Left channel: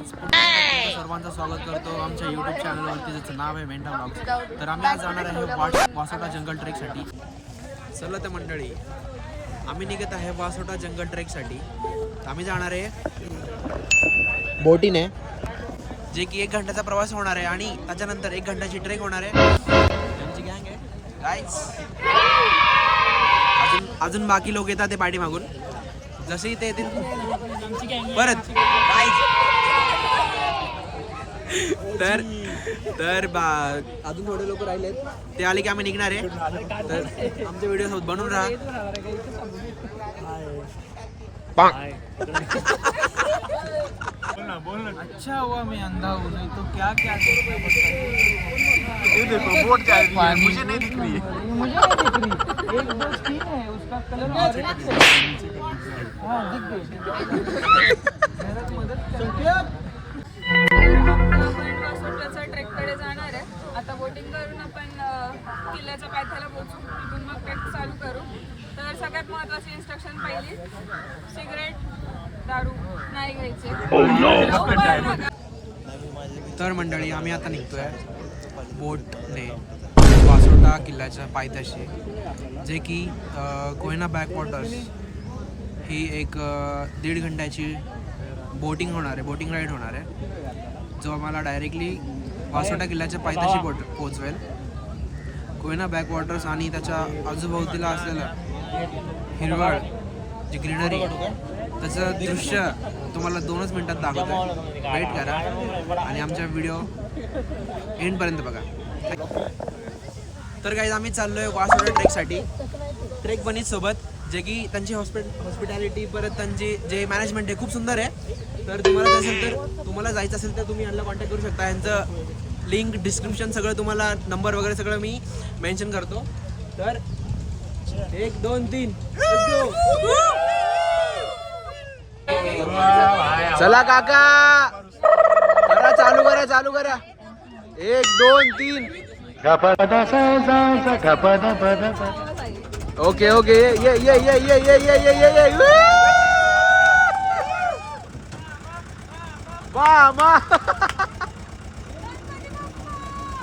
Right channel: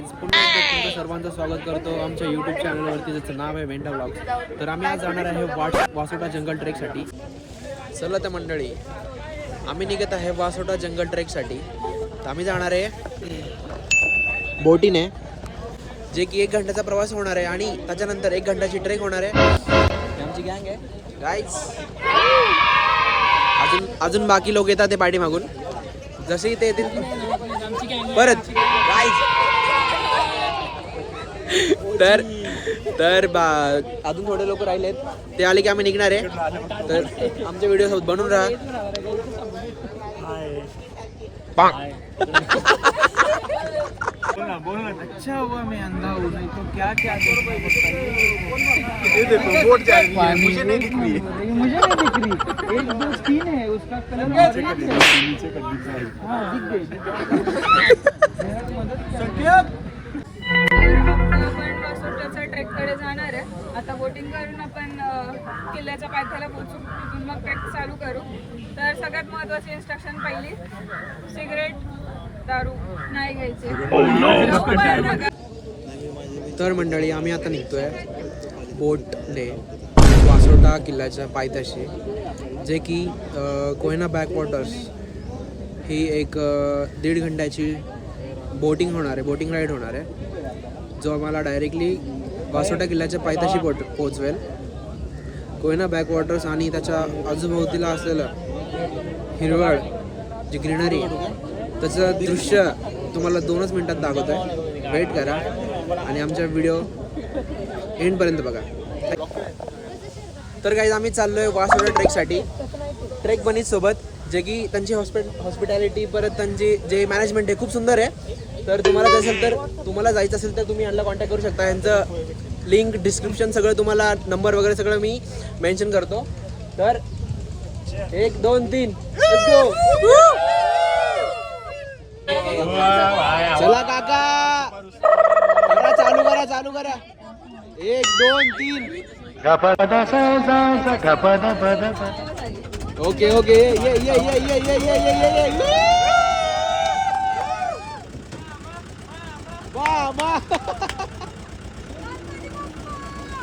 Guys पुन्हा सर्वांचं स्वागत करतो. आमच्या यूट्यूब चॅनलवरती ज्याचं नाव आहे वेंटा ब्लॉग तर आम्ही आज जाणार आहे वाट वासोटा जंगल ट्रेकसाठी चला त्या मंडळी आम्ही निघत आहे वासोटा जंगल ट्रेकसाठी तर आम्ही जाणार आहे बोटीने जे की एक घंट्याचा प्रवास होणार आहे आणि त्याच्यानंतर एक घंट्याची ट्रेक होणार आहे. आमची गँग आहे. गाईज अजून अजून बाकी लोक येतात ते पाठी मागून. जसे ते येतील. परत. गाईज तर तर बा अजून थोडे लोक राहिलेत. ते आले की आम्ही निघणार आहे. तर आमच्या व्हिडिओ सोबत बनून राहा. अच्छा हुआ मैं अंधा हूँ नहीं तो क्या क्या ये देखो बोट जा रही है मुझे नहीं दिख रही है। मुझे नहीं दिख रही। एक दो स्किन है उसका कलर है नीचे कर दिख रही हाँ दिख गई। पायथ्याला पोहोचू तिथून मग ट्रेक चालू करू. तर सगळ्यात महत्वाची इन्स्ट्रक्शन पहिली सिगरेट दारू नाही घ्यायचे. नका. तर मंडळी आम्ही आता निघतोय बोटने वासोटा किल्ल्याच्या पायथ्याशी जे की कोयना बॅकवॉटर्स ही एक दीड घंट्याची बोटिंग होणार आहे बोटिंग राईड होणार आहे जो आम्हाला डायरेक्टली वासोटा किल्ल्याच्या पायथ्याशी पोट पोचवेल. कोयना बॅकवॉटर्स आणि त्याच्या आजूभोवतीला असलेलं हिरवळ जी ग्रीनरी त्याचं दृश्य तुम्हाला दोनच मिनटात दाखवत आहे वेट करा आणि आमच्या व्हिडिओ एंडपर्यंत बघा. तर काही आम्ही चाललो आहे वास ट्रेकसाठी ट्रेक बनीत सोबत जे की त्यांची हॉस्पिट हॉस्पिटॅलिटी परत त्यांची जे मॅनेजमेंट आहे खूप सुंदर आहे. तर तुम्हाला असेल तर तुम्हाला जायचं असेल तर तुम्ही यांना कॉन्टॅक्ट करू शकता. यांचं लिंक डिस्क्रिप्शन सगळं तुम्हाला नंबर वगैरे सगळं मी मेन्शन करतो. तर एक दोन तीन. चला काका. करा चालू करा चालू करा. एक दोन तीन. Okay okay. ये ये ये ये ये ये ये ये ये ये. वा वा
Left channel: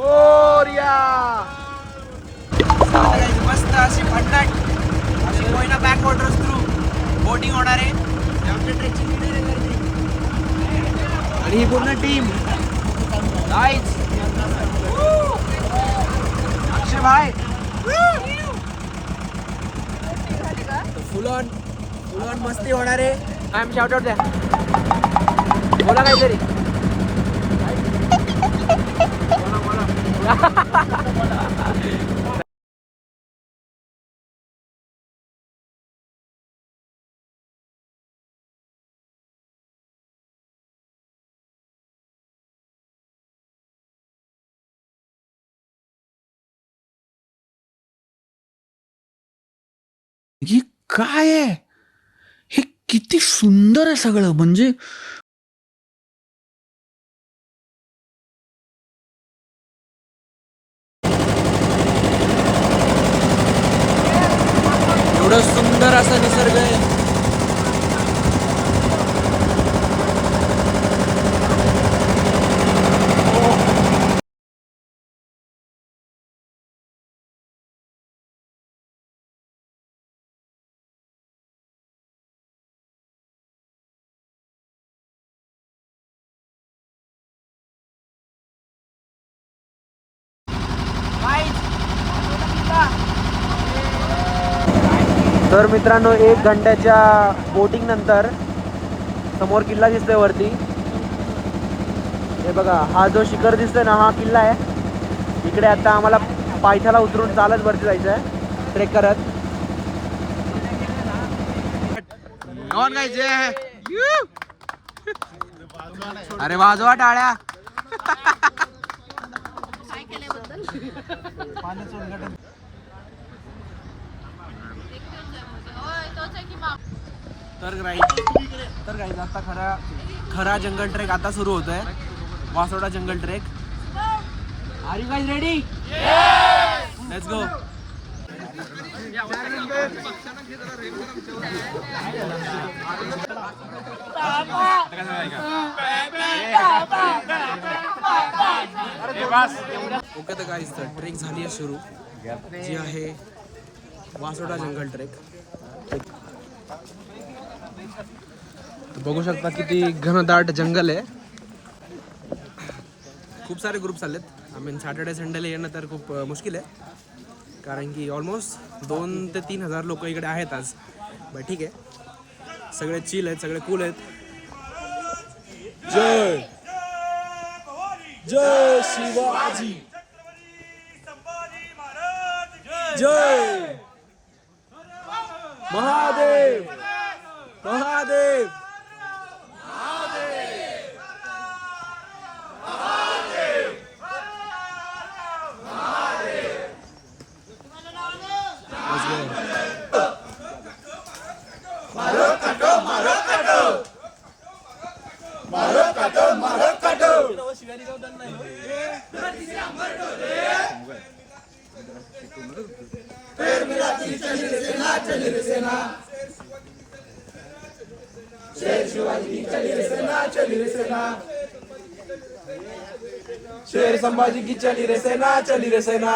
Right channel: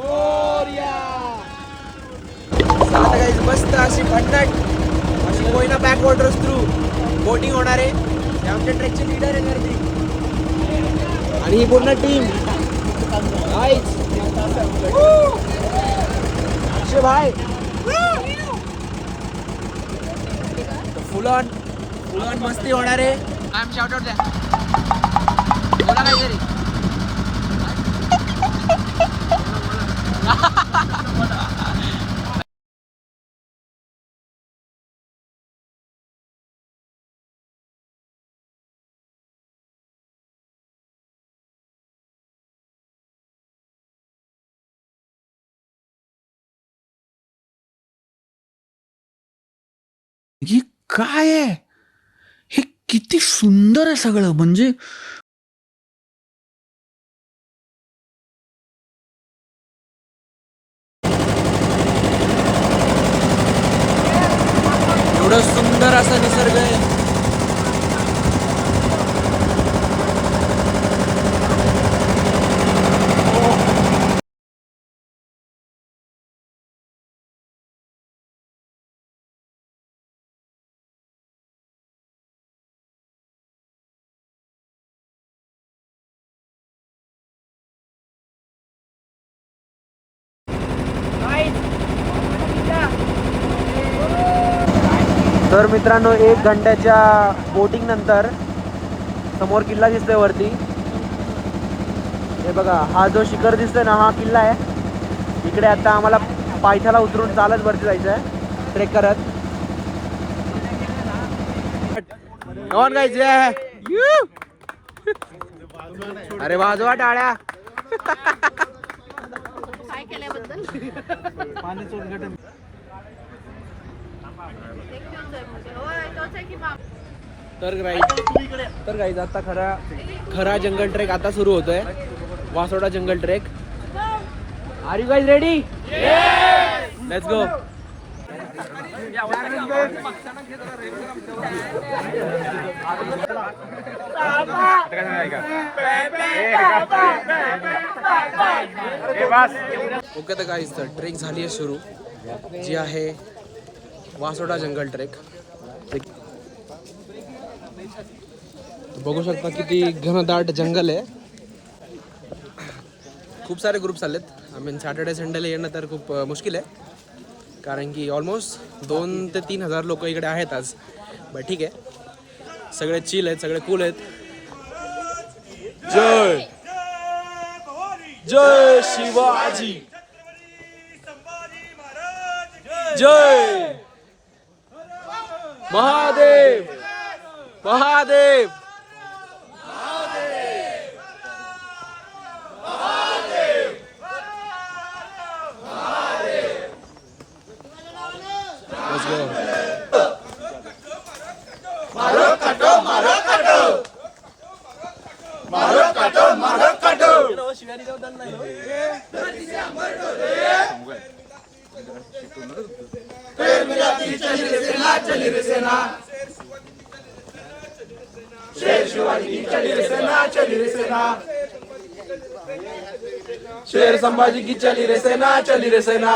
मोरया मस्त अशी भन्नाट अशी Koyna backwaters through boating होणार आहे. आमच्या ट्रेकचे लीडर काहीतरी आणि ही पूर्ण टीम नाईस अक्षय भाई. फुल ऑन फुल ऑन मस्ती होणार आहे. आय एम शाउट आउट द्या बोला काहीतरी. हे काय आहे? हे किती सुंदर आहे सगळं. म्हणजे एवढं सुंदर असा निसर्ग आहे. तर मित्रांनो एक घंट्याच्या बोटिंग नंतर समोर किल्ला दिसतोय वरती. हे बघा हा जो शिखर दिसतोय ना हा किल्ला आहे. इकडे आता आम्हाला पायथ्याला उतरून चालत वरती जायचं आहे ट्रेक करत. कौन काय अरे वाजवा टाळ्या. पाण्याचं उद्घाटन. तर गाईज तर गाईज आता खरा खरा जंगल ट्रेक आता सुरू होतोय. वासोडा जंगल trek are you guys ready let's go okay तर गाईज तर ट्रेक झाली आहे सुरू. जी आहे वासोटा जंगल ट्रेक बघू शकता किती घनदाट जंगल आहे. खूप सारे ग्रुप्स आलेत आय मीन सॅटर्डे संडेला येणं तर खूप मुश्किल आहे. कारण की ऑलमोस्ट दोन ते तीन हजार लोक इकडे आहेत आज. बट ठीक आहे. सगळे चिल आहेत सगळे कूल आहेत. जय. जय शिवाजी. जय. મહાદેવ મહાદેવ शेर संभाजी की चली रे सेना चली रे सेना।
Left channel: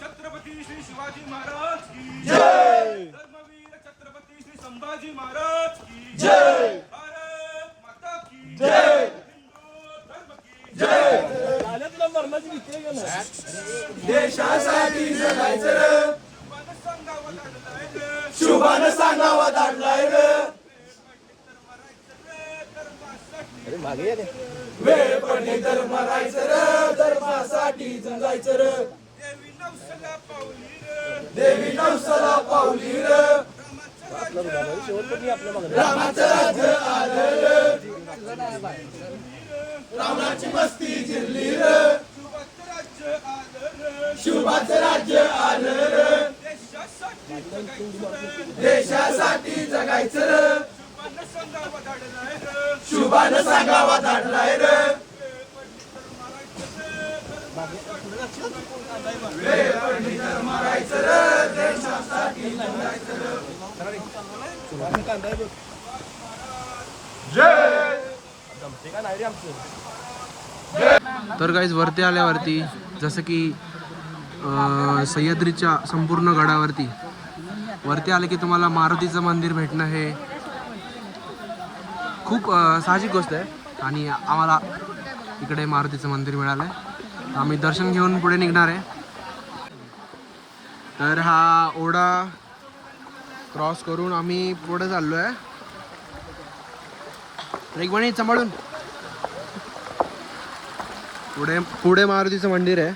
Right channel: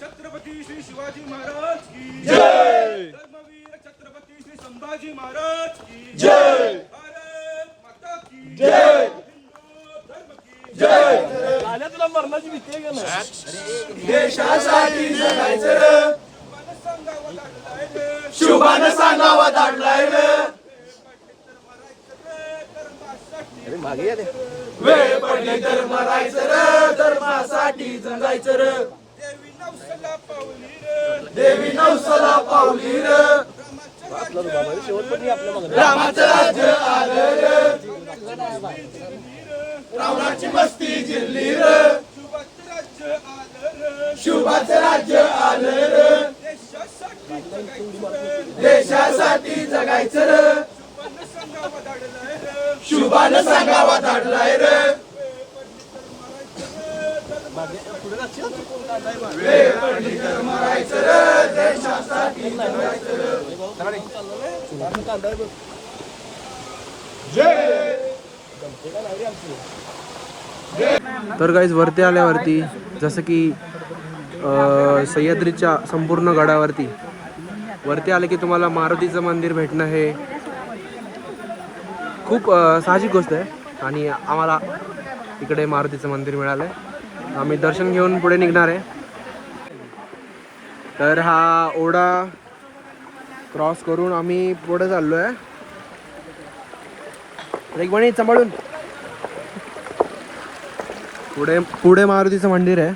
छत्रपती श्री शिवाजी महाराज की जय धर्मवीर छत्रपती श्री संभाजी महाराज की जय भारत माता की जय धर्म की जय देशासाठी जगायचं शुभान सांगावं सांगावा धाडलाय रे वेळ पडली तर मरायचं रे धर्मासाठी जगायचं रे. देवी नवसला पावली रे. देवी नवसाला पावली रे. रामाचं राज्य आलं रे. रावणाची मस्ती जिरली रे. शुभाचं राज्य आलं रे. देशासाठी जगायचं रे. शुभान सांगावा धाडलाय रे. वेळ तर रे देशासाठी तर काहीच वरती आल्यावरती जसं की सह्याद्रीच्या संपूर्ण गडावरती वरती आले की तुम्हाला मारुतीचं मंदिर भेटणं हे खूप साहजिक गोष्ट आहे. आणि आम्हाला इकडे मारुतीचं मंदिर मिळालं आहे आम्ही दर्शन घेऊन पुढे निघणार आहे. तर हा ओढा क्रॉस करून आम्ही पुढे चाललो आहे रेगवाणी सांभाळून. पुढे पुढे मारुतीचं मंदिर आहे.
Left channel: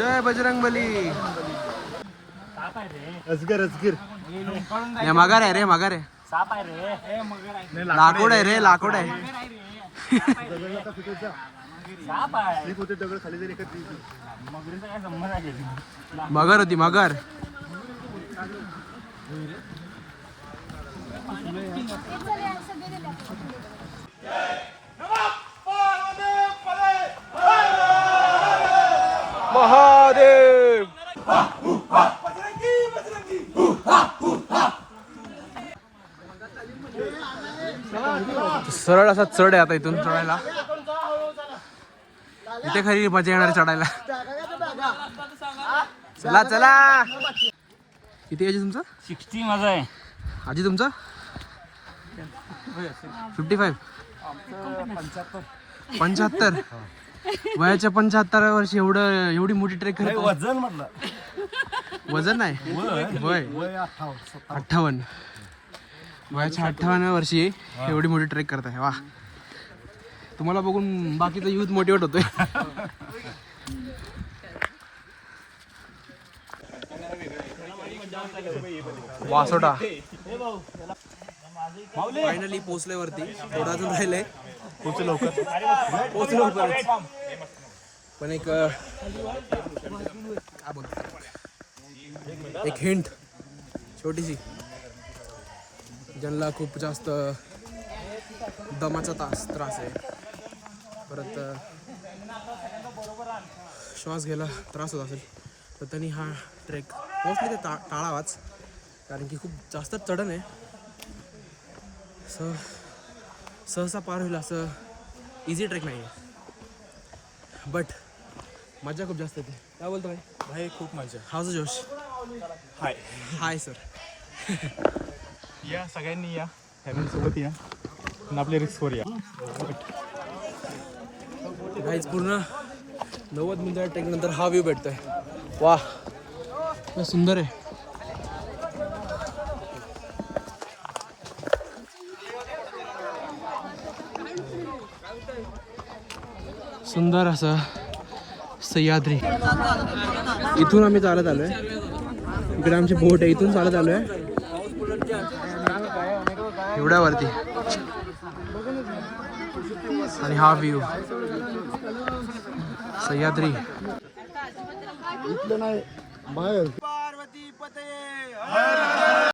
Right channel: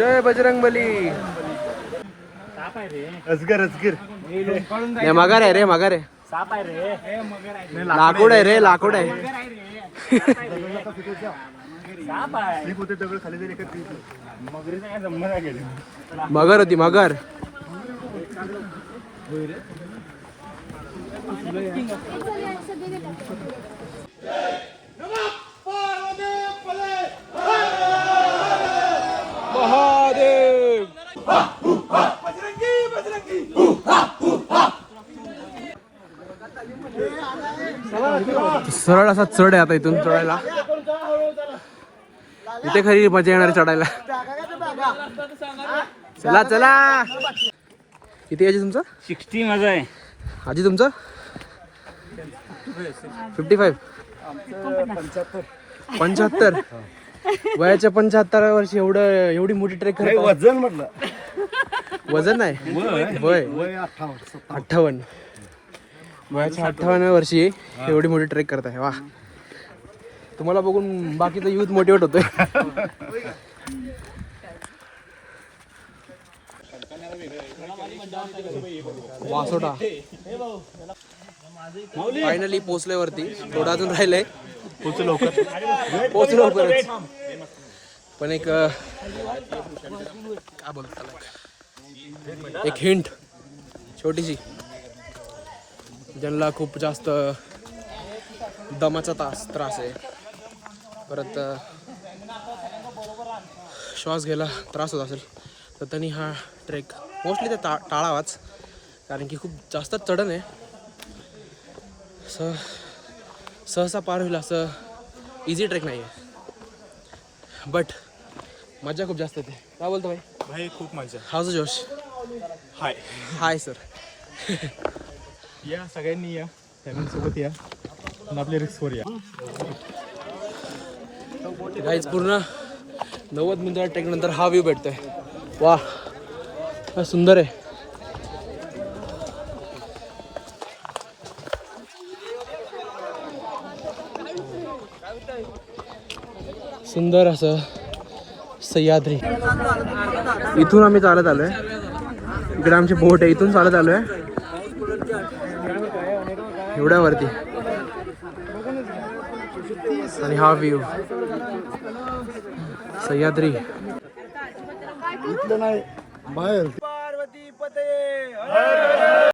जय बजरंग बली. अजगर अजगर हे मगर आहे रे मगर आहे लाकूड आहे रे लाकूड आहे मगर होती मगर. महादेव सरळ असा चढ आहे आता इथून चढायला. इथे खरी मजा येणार आहे चढायला. चला चला. किती आजी तुमचं? सिक्स्टी माझा आहे. आजी तुमचं? फिफ्टी फाईव्ह पंच्याहत्तर. वयाच्या पंच्याहत्तर वर्षी एवढं एवढी मोठी ट्रेक. वजन म्हटलं. वजन नाही? वय. अठ्ठावन्न वयाच्या अठ्ठावन्न वर्षी एवढी मोठी ट्रेक करत आहे वा. तुम्हाला बघून बाकीचा युथ मोटिवेट होतोय. वासोटा. फायनली पोचलोय वरती थोडा अजून राहिलंय. पोचलो पण एक काय बोलतो? एक हिंट. छोटीशी. ज्यांना खूप जास्त दमाचा तास त्रास आहे. परत श्वास घ्यायला त्रास होत असेल तर त्यांनी हा ट्रेक मोस्टली ते टा टाळावाच. कारण की खूप जास्त चढण आहे. स सहसा पार होईल असं इझी ट्रेक नाही आहे बट मजा खूप जास्त येते. काय बोलतो भाई? भाई खूप मजा हाऊज जोश हाय. Hi sir. या सगळ्यांनी या. फॅमिलीसोबत या. आणि आपल्या रिस्कवर या. गाईज पूर्ण नव्वद मिनिटाच्या ट्रेक नंतर हा व्ह्यू भेटतोय. वा काय सुंदर आहे. सुंदर असं सह्याद्री. इथून आम्ही चालत आलोय. इकडे आमची बोट आहे इथून चालत आलोय. एवढ्यावरती. आणि हा व्ह्यू सह्याद्री. पार्वती पते